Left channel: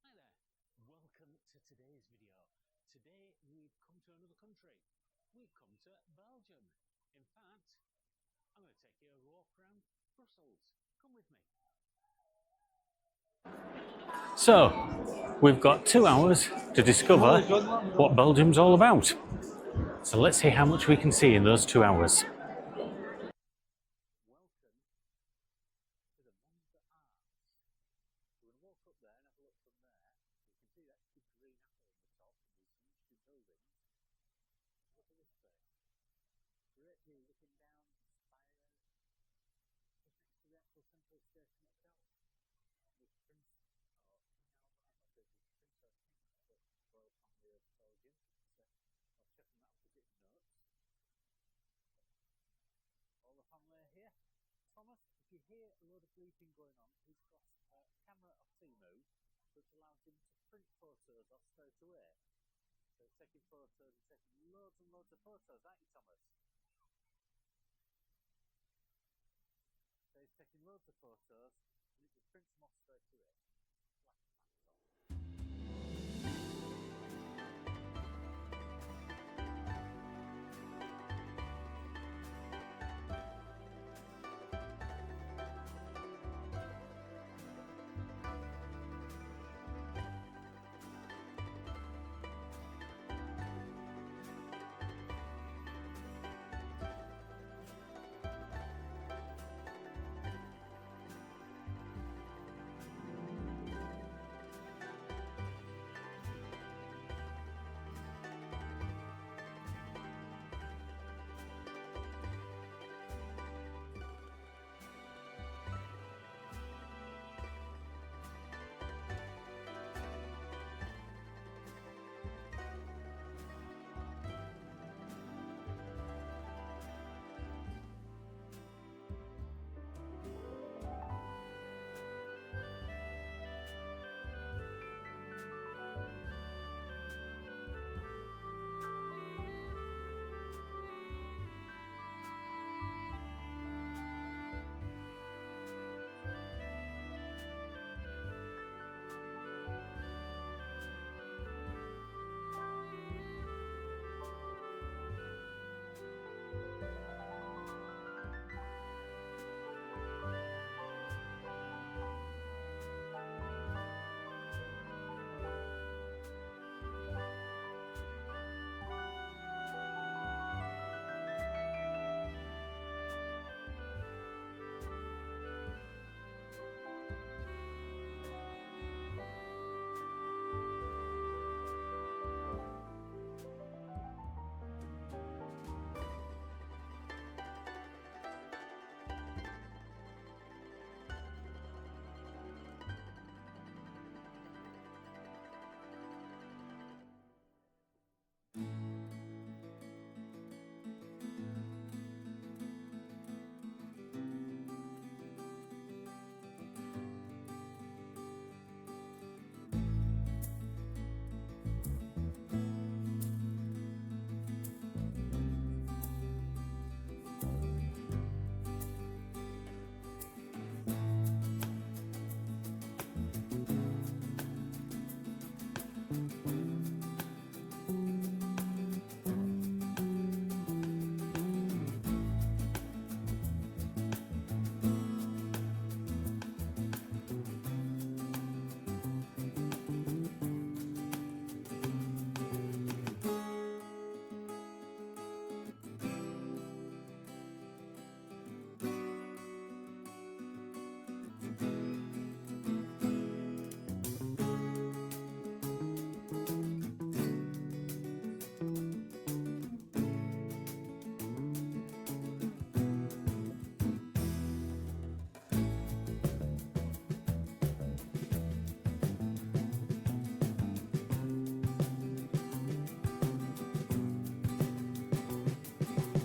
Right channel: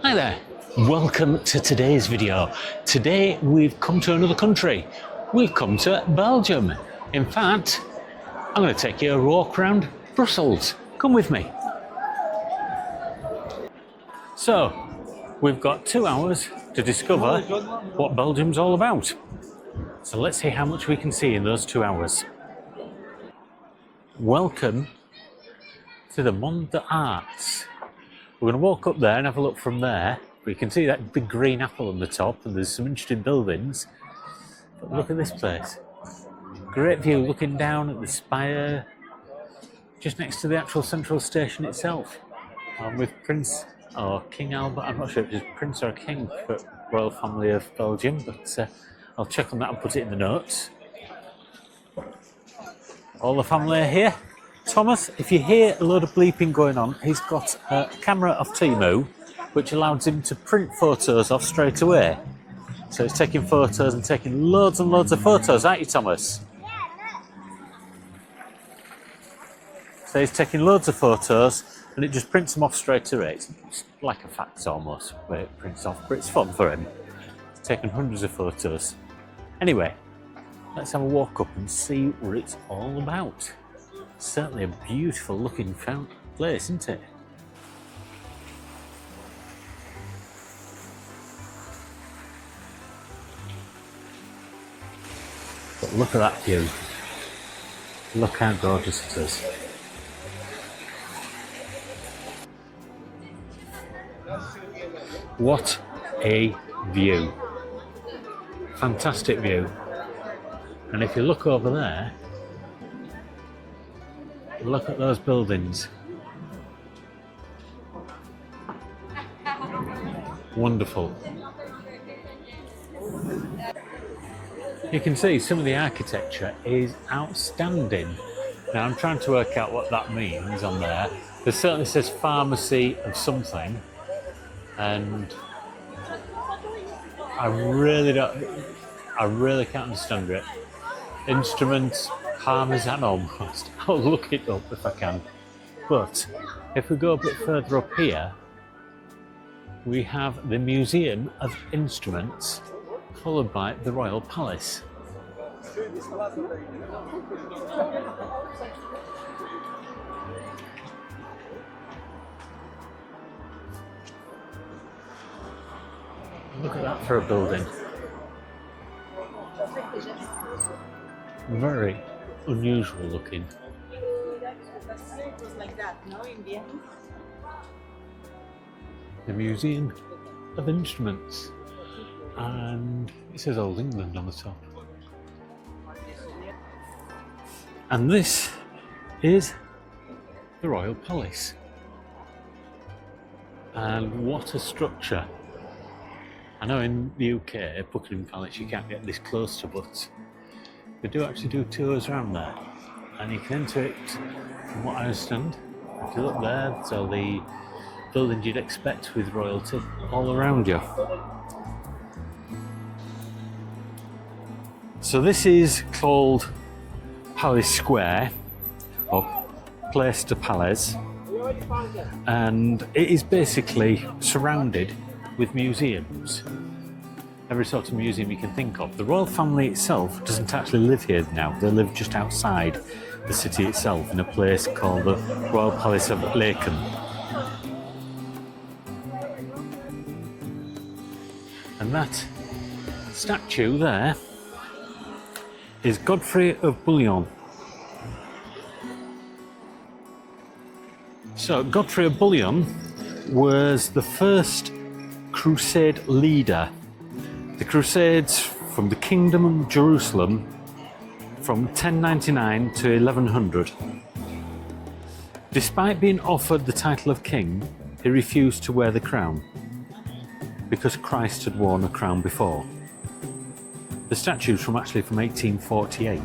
Hi there, welcome to today's video. Today we've come to another country. We've come to Belgium. In fact, I'm going to take you a walk around Brussels. Come with me. So, we've got 2 hours to discover what Belgium's all about. So let's see how much we can see in those 2 hours. Welcome to the Mont de Arts. We're going to walk up there and have a look from there. We can see that big green apple on the top, and there's some interesting buildings. But look at this place. Great view looking down at the spire, just next to the actual central station itself. I'm with Prince or King Albert. I'm not sure if it's Prince or King for Royal Family of Belgium, but I'll check on that and put it in the notes. All the family are here. Thomas, if you hear a load of bleeping going on, he's got a camera off Temu, which allows him to print photos off straight away. So he's taking photos and taking loads and loads of photos, aren't you, Thomas? So he's taking loads of photos and it just prints them off straight away. It's like a fax almost, where it prints off, but it's fun for him. He's taken hundreds of photos. Anyway, let's have a walk up and see what it's all about. Certainly a beautiful looking place, isn't it? But look at that view. Look how gorgeous it is. What a view. Fantastic view. And if you look over there, look at those buildings. Wonderful. You can see some of the architecture is outstanding. Now I'm trying to work out what that means on there. There certainly says pharmacy of something, and I really can't understand it. Instruments, parmesan almost. I'll look it up if I can. But if we go a bit further up here, we have the Museum of Instruments, followed by the Royal Palace. Look at that for a building. Very unusual looking. The Museum of Instruments, and it says Old England on the top. And this is the Royal Palace. And what a structure. I know in the UK, Buckingham Palace you can't get this close to, but they do actually do tours around there, and you can enter it, from what I understand. If you look there, there's all the buildings you'd expect with royalty all around you. So this is called Palace Square, or Place de Palais, and it is basically surrounded with museums. Every sort of museum you can think of. The royal family itself doesn't actually live here now. They live just outside the city itself in a place called the Royal Palace of Laeken. And that statue there is Godfrey of Bouillon. So Godfrey of Bouillon was the first Crusade leader. The Crusades from the Kingdom of Jerusalem from 1099 to 1100. Despite being offered the title of king, he refused to wear the crown because Christ had worn a crown before. The statue's from 1848.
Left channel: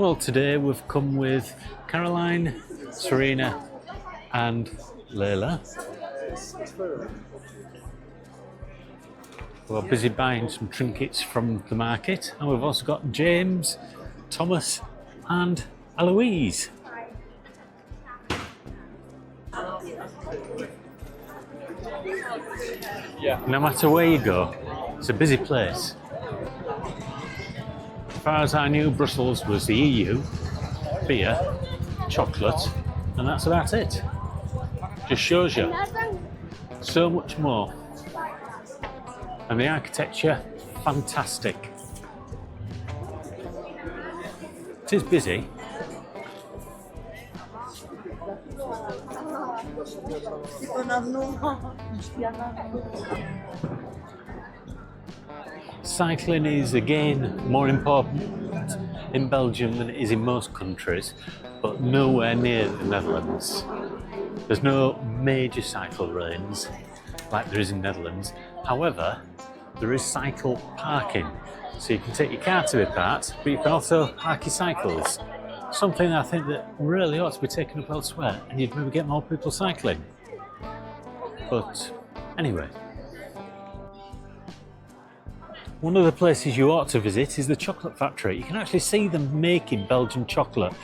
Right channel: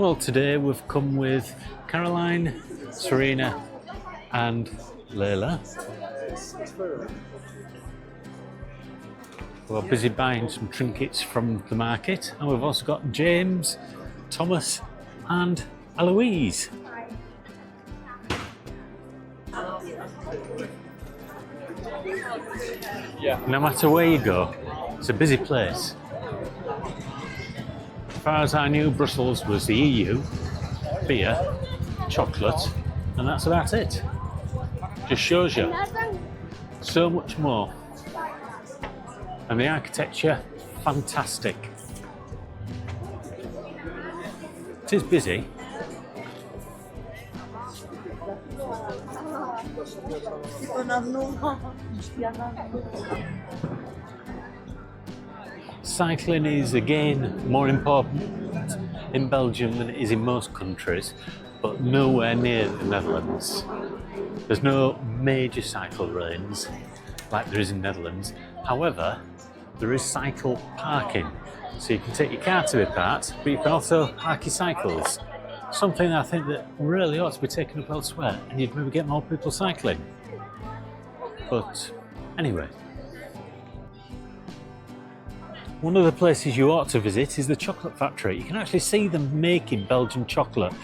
Well, today we've come with Caroline, Serena and Layla. We're busy buying some trinkets from the market, and we've also got James, Thomas and Eloise. No matter where you go, it's a busy place. As far as I knew, Brussels was the EU, beer, chocolate, and that's about it. Just shows you so much more. And the architecture, fantastic. It is busy. Cycling is again more important in Belgium than it is in most countries, but nowhere near the Netherlands. There's no major cycle lanes like there is in the Netherlands. However, there is cycle parking, so you can take your car to be parked, but you can also park your cycles. Something I think that really ought to be taken up elsewhere, and you'd maybe get more people cycling. But anyway, one of the places you ought to visit is the chocolate factory. You can actually see them making Belgian chocolate,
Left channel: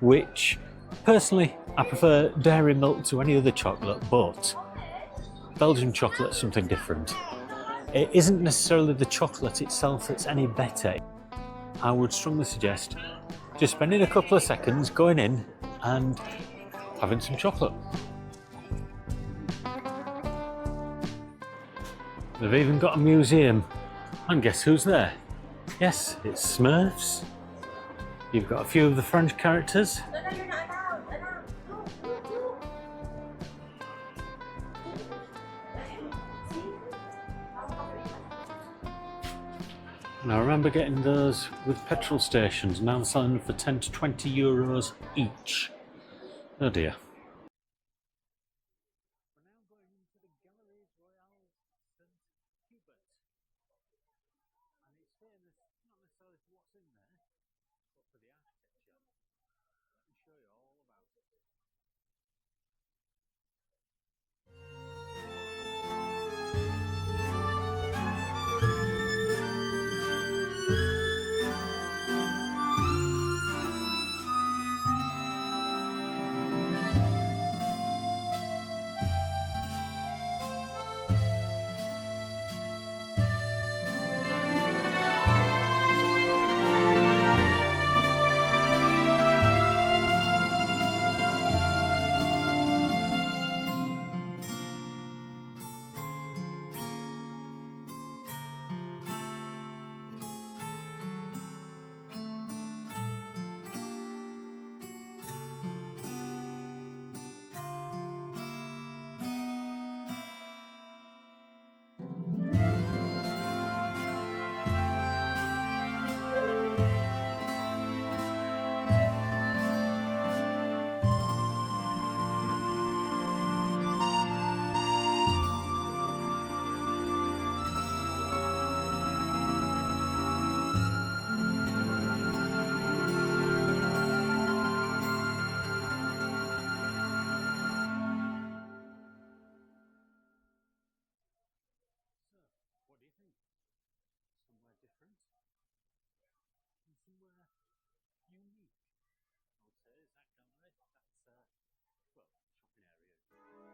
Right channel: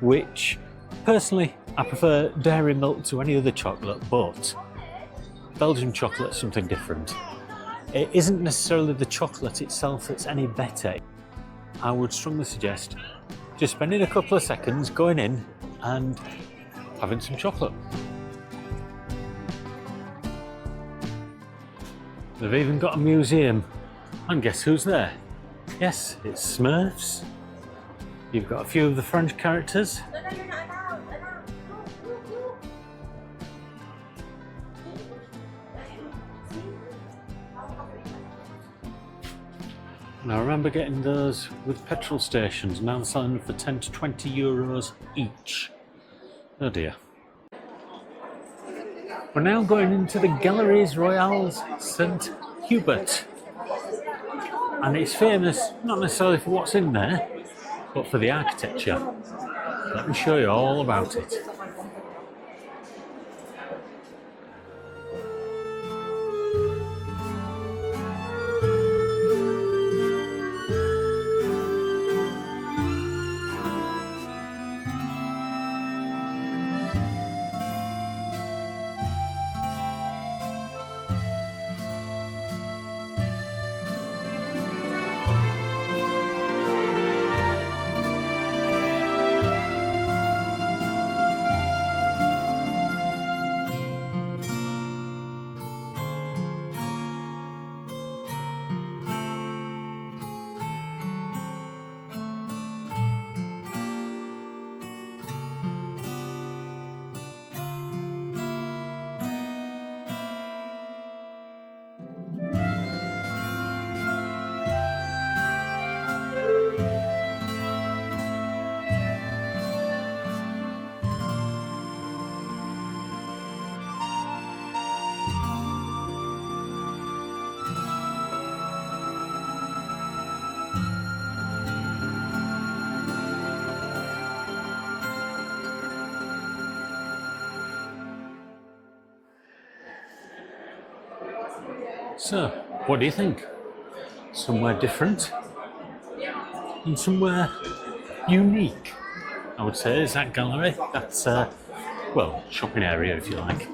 which personally I prefer dairy milk to any other chocolate, but Belgian chocolate is something different. It isn't necessarily the chocolate itself that's any better. I would strongly suggest just spending a couple of seconds going in and having some chocolate. They've even got a museum, and guess who's there? Yes, it's Smurfs. You've got a few of the French characters. And I remember getting those with petrol stations, now they're selling them for 10 to 20 euros each. Oh dear. We're now going into the Galeries Royales St. Hubert. And it's famous, not necessarily for what's in there, but for the architecture. Let me show you all about it. So, what do you think? Somewhere different and somewhere unique, I would say, is that gallery. That's, well, shopping area if you like.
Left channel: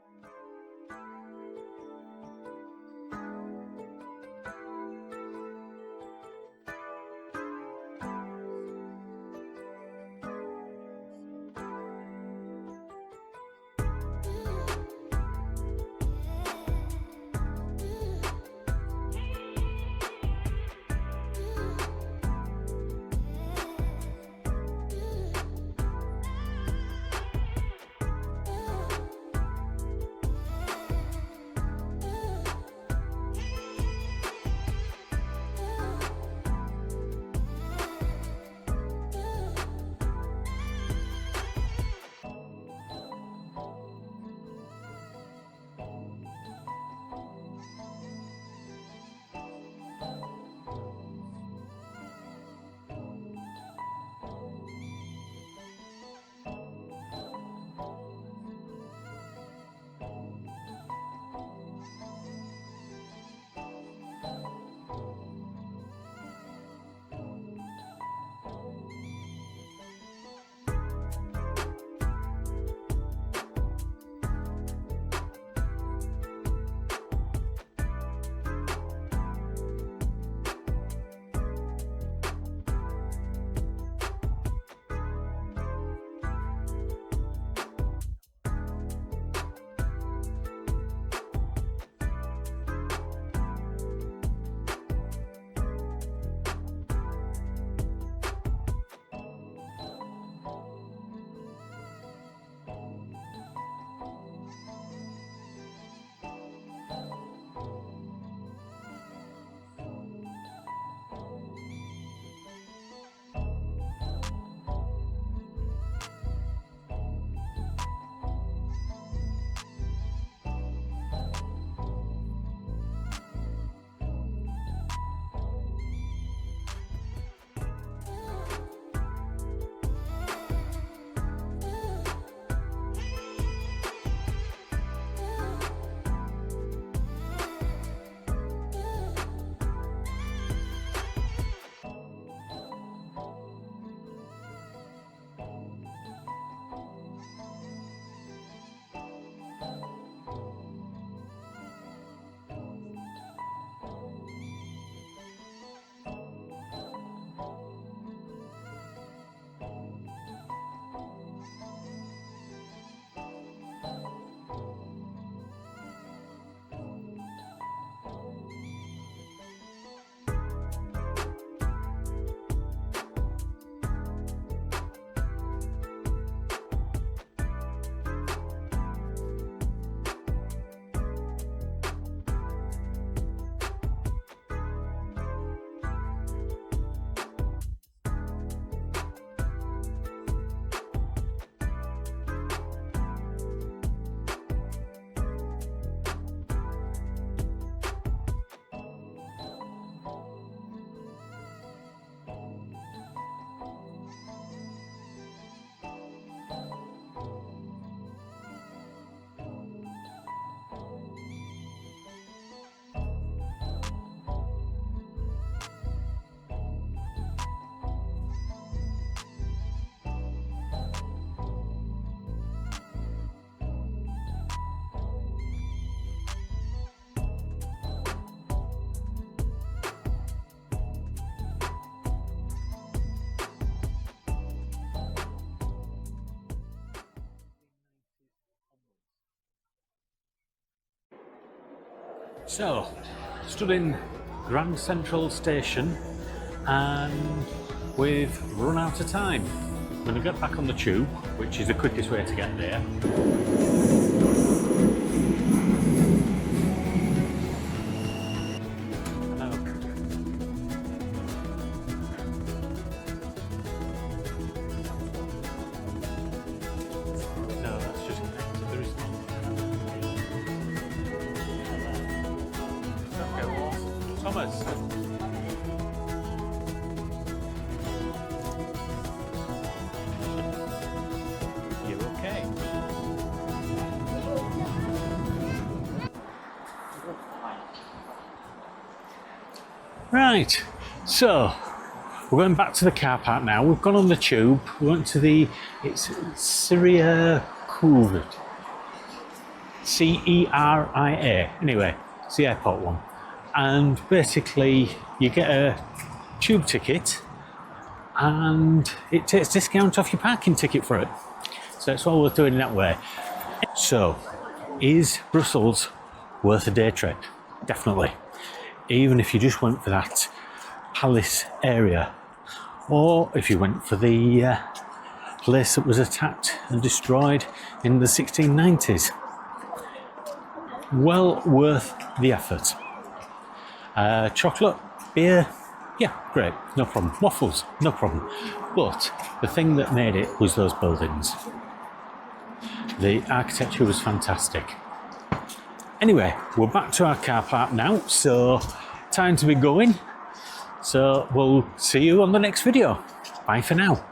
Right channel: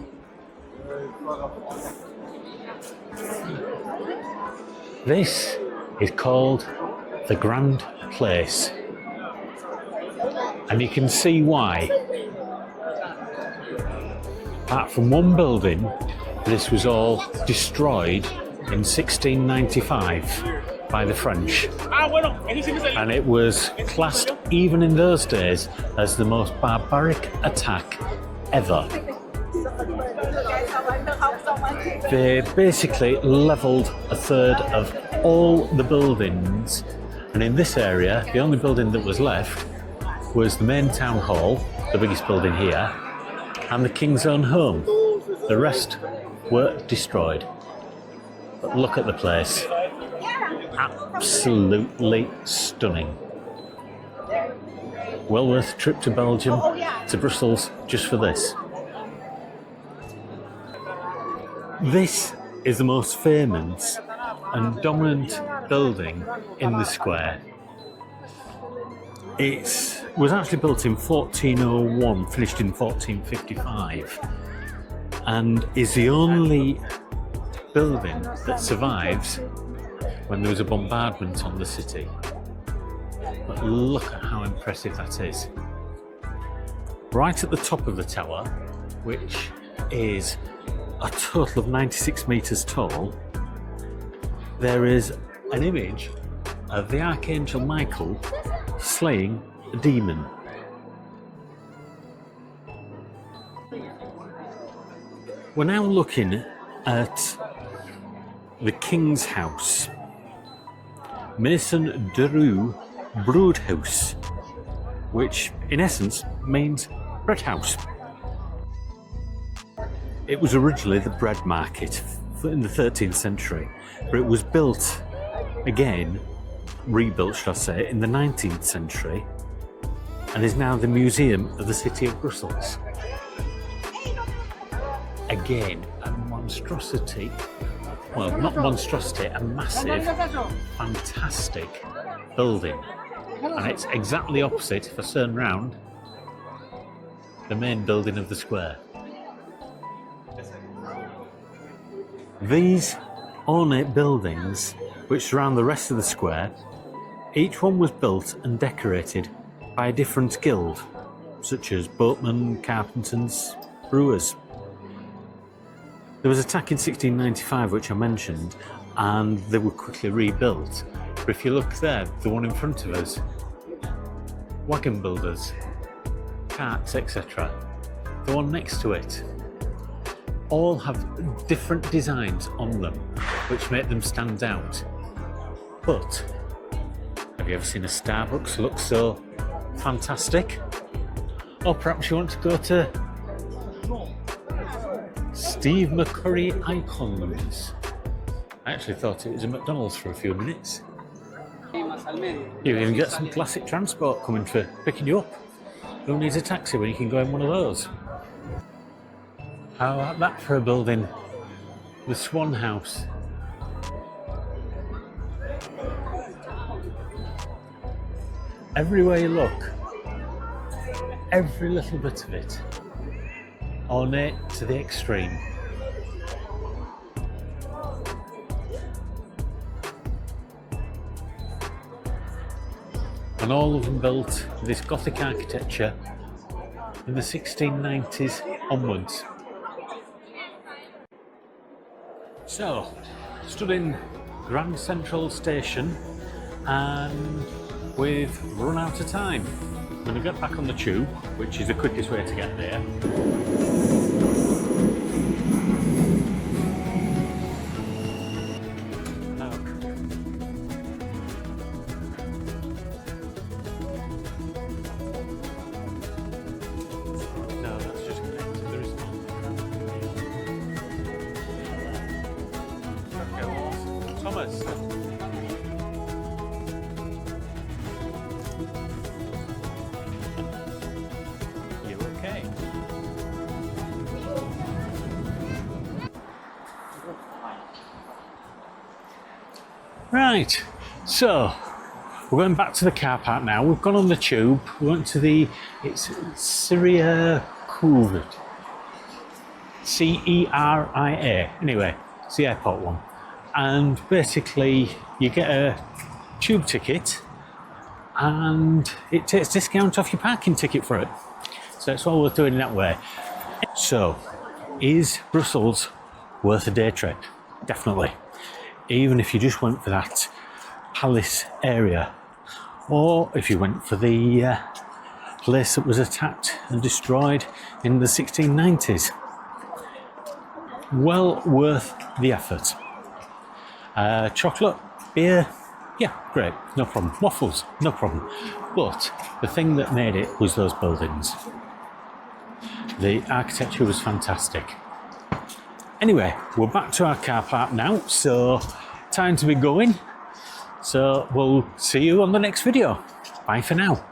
This is called the Grand Place, and you can see why. Apart from one building, this was all destroyed in 1695 by the French, and it was classed even in those days as the most barbaric attack ever. They basically levelled a third of all the buildings, and in this area the only building that was left was the main town hall, the biggest building here, and the King's Own Home. The rest were destroyed. But look at the place. Absolutely stunning. Well worth a trip to Belgium, to Brussels, just for this. This is the most famous and dominant building in the square. It was actually built in 1401, finished in 1455, and is the only building that survives when there was a bombardment on the city. But look at how impressive that is. Right at the top of the tower, which is a total of 96 metres tall, there is an image of the Archangel Michael slaying a demon. We're now looking at the King's House, Maison de Rue Broodhuis, which in essence means bread house. It was originally the bread market in the 13th century, but it was built again, rebuilt should I say, in the 19th century, and is now the museum of the city of Brussels. Again, a monstrosity, well, not monstrosity, a massive, fantastic building, and it's exactly opposite, if I turn round, the main building of the square. These ornate buildings, which surround the rest of the square, each one was built and decorated by a different guild, such as boatmen, carpenters, brewers. There was an attack in 1695, which I mentioned, and they were quickly rebuilt. But if you look there, the one in front of us, wagon builders, carts, etc. The one next to it, all have different designs on them, which make them stand out. But have you ever seen a Starbucks look so fantastic? Or perhaps you want to go to Steve McCurry Icons. I actually thought it was a McDonald's for a few minutes. You even get some classic transport coming for picking you up. Who needs a taxi when you can go in one of those? How about that for a building? The Swan House. Everywhere you look, every little bit of it, ornate to the extreme. And all of them built this Gothic architecture in the 1690s onwards. So, stood in Grand Central Station and we've run out of time. I'm going to get back on the tube, which is the quickest way to get there. No, that's just connected. There is none. Okay, well, Thomas. Okay. Right, so we're going back to the car park now. We've gone on the tube. We went to it's Syria Couvert. C-E-R-I-A. Anyway, it's the airport one. And basically, you get a tube ticket and it takes discount off your parking ticket for it. So it's all worth doing that way. So, is Brussels worth a day trip? Definitely. Even if you just went for that palace area, or if you went for the place that was attacked and destroyed in the 1690s. Well worth the effort. Chocolate, beer, yeah, great, no problem. Waffles, no problem. But the thing that made it was those buildings. The architecture was fantastic. Anyway, we're back to our car park now, so time to be going. So we'll see you on the next video. Bye for now.